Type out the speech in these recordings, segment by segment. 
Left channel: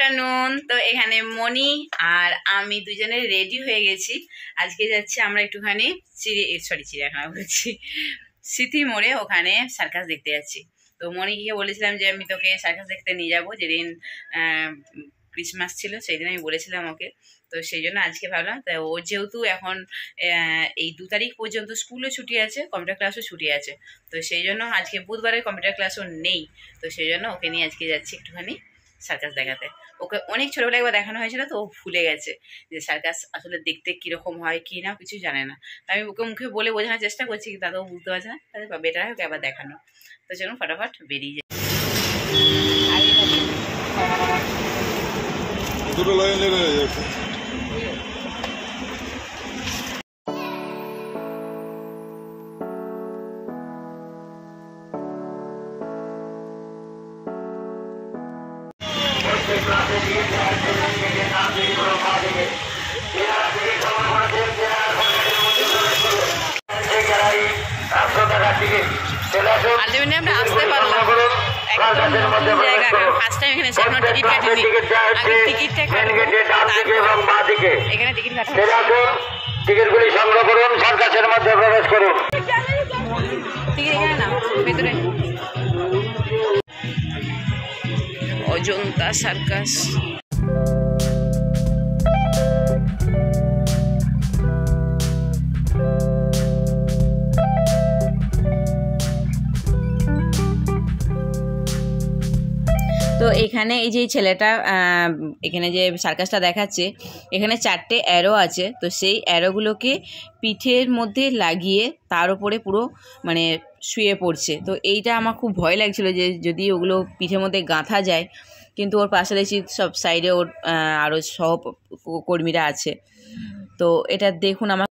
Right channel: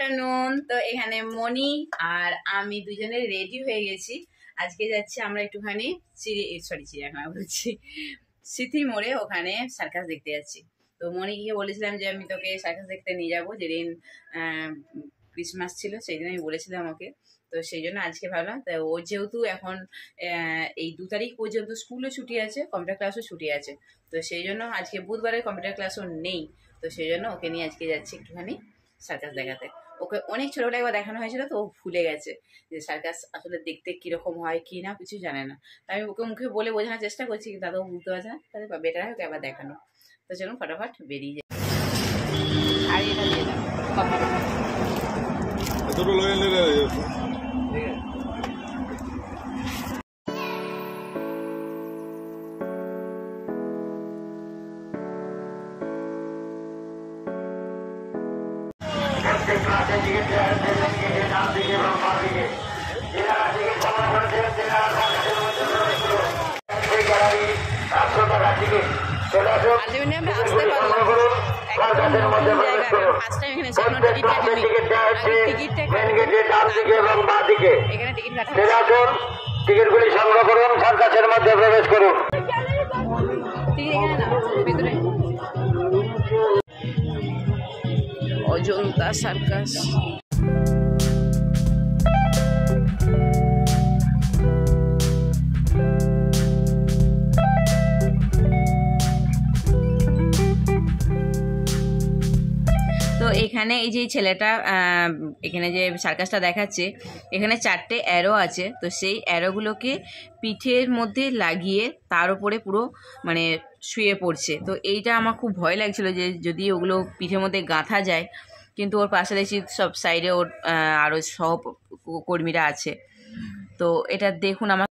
Afternoon. তো এখানে মনি আর আমি দুজনে রেডি হয়ে গেছি। আজকে যাচ্ছি আমরা একটুখানি চিড়িয়াখানা বলছি, স্মৃতি মোড়ে, ওখানে সার্কাস দেখতে যাচ্ছি। তো মনিকে বলেছিলাম যে আমি তোকে সার্কাস দেখতে নিয়ে যাবো, যেদিন ক্রিসমাস ছিল সেই দিন আমি বলেছিলাম ওকে। তো সেই জন্য আজকে ভাবলাম, তাই ও যেহেতু এখন এই 2 তারিখ পর্যন্ত স্কুলও ছুটি আছে, কম্পিউটার ক্লাসও ছুটি আছে, তো সেই জন্য আজকে বুধবারের কম্পিউটার ক্লাসও নেই। তো সেই জন্য ওকে নিয়ে আজকে যাচ্ছি একটুখানি সার্কাস দেখাতে। ওকে অনেক ছোটোবেলায় একবার দেখানো হয়েছিল, তো ও ভুলে গেছে যে সার্কাস আসলে দেখতে কীরকম হয় কি না কিছু জানে না। আমি ওকে মুখে বলে বোঝানোর চেষ্টা করছি, কিন্তু দাদাও বুঝতে পারছে না, তাহলে বেটার হয় ওকে আবার দেখানো। তো চলুন ফটাফট বেরিয়ে যায়। আলটিমেটলি আমরা আসতে পারলাম, একদম নতুন জায়গা, কারণ ফার্স্ট টাইম এখানে এসে এখনো টিকিট কাটিনি। আগে টিকিটটা কাটবো, এখানে টিকিট কাটবো। টিকিটগুলি সংগ্রহ করুন, সার্কাসের মধ্যে প্রবেশ করুন। টিকিট এখানে না, ভিতরে। অজন্তা সার্কাস। তো এখানে এই যে ছেলেটা এখানে যে সার্কাসটা দেখাচ্ছে, এখানে 4টে অ্যারো আছে। তো সেই অ্যারোগুলোকে পিঠের মধ্যে লাগিয়ে তার উপরে পুরো মানে শুয়ে পড়ছে। তো এইটা আমার খুব ভয় লাগছিল যে যদি ওগুলো পিঠের মধ্যে গাঁথা যায়, কিন্তু ওর পাশে দেখছি সব সাইডে ওর আরও সহকর্মীরা আছে। তো এটা দেখুন, আমার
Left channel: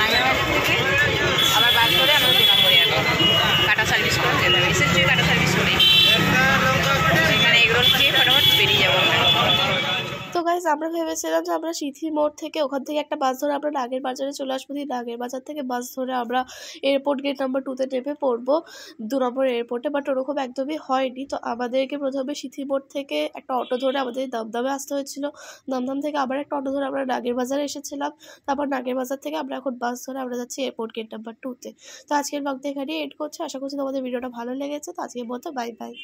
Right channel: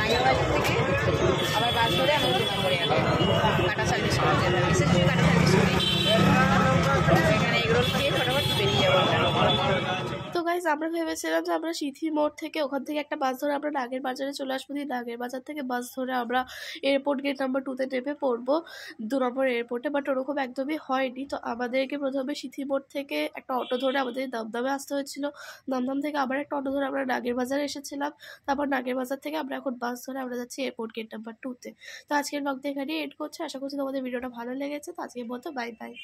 নাগের বাজার থেকে আবার বাস ধরে আমাদের 2 নম্বরে এখন কাটা সার্ভিস করে যেতে হবে। এসেছি কাটা সার্ভিস করি, এখানে এগরোল খেয়ে ফটাফট বেরিয়ে যাবো আমরা। তো গাইজ আমরা ভেবেছিলাম যে আমরা সিথি মোড় থেকে ওখান থেকে একটা বাস ধরে আমরা নাগের বাজারে চলে আসবো, দিয়ে নাগের বাজার থেকে বাস ধরে আমরা এয়ারপোর্ট গেট নাম্বার 2-তে নেমে পড়বো 2 নম্বর এয়ারপোর্টে। বাট ওরকম একদমই হয়নি। তো আমাদেরকে প্রথমে সিথি মোড় থেকে একটা অটো ধরে আমাদের দমদমে আসতে হয়েছিল, দমদম থেকে আবার একটা অটো ধরে আমরা নাগের বাজারে এসেছিলাম, তারপর নাগের বাজার থেকে আমরা এখন বাস ধরে আমরা যাচ্ছি এয়ারপোর্ট গেট নাম্বার 2-তে। তো আজকের ব্লগটা এখানেই এন্ড করছি। আশা করছি তোমাদের ভিডিওটা ভালো লেগেছে। তো আজকের মতো বাই বাই।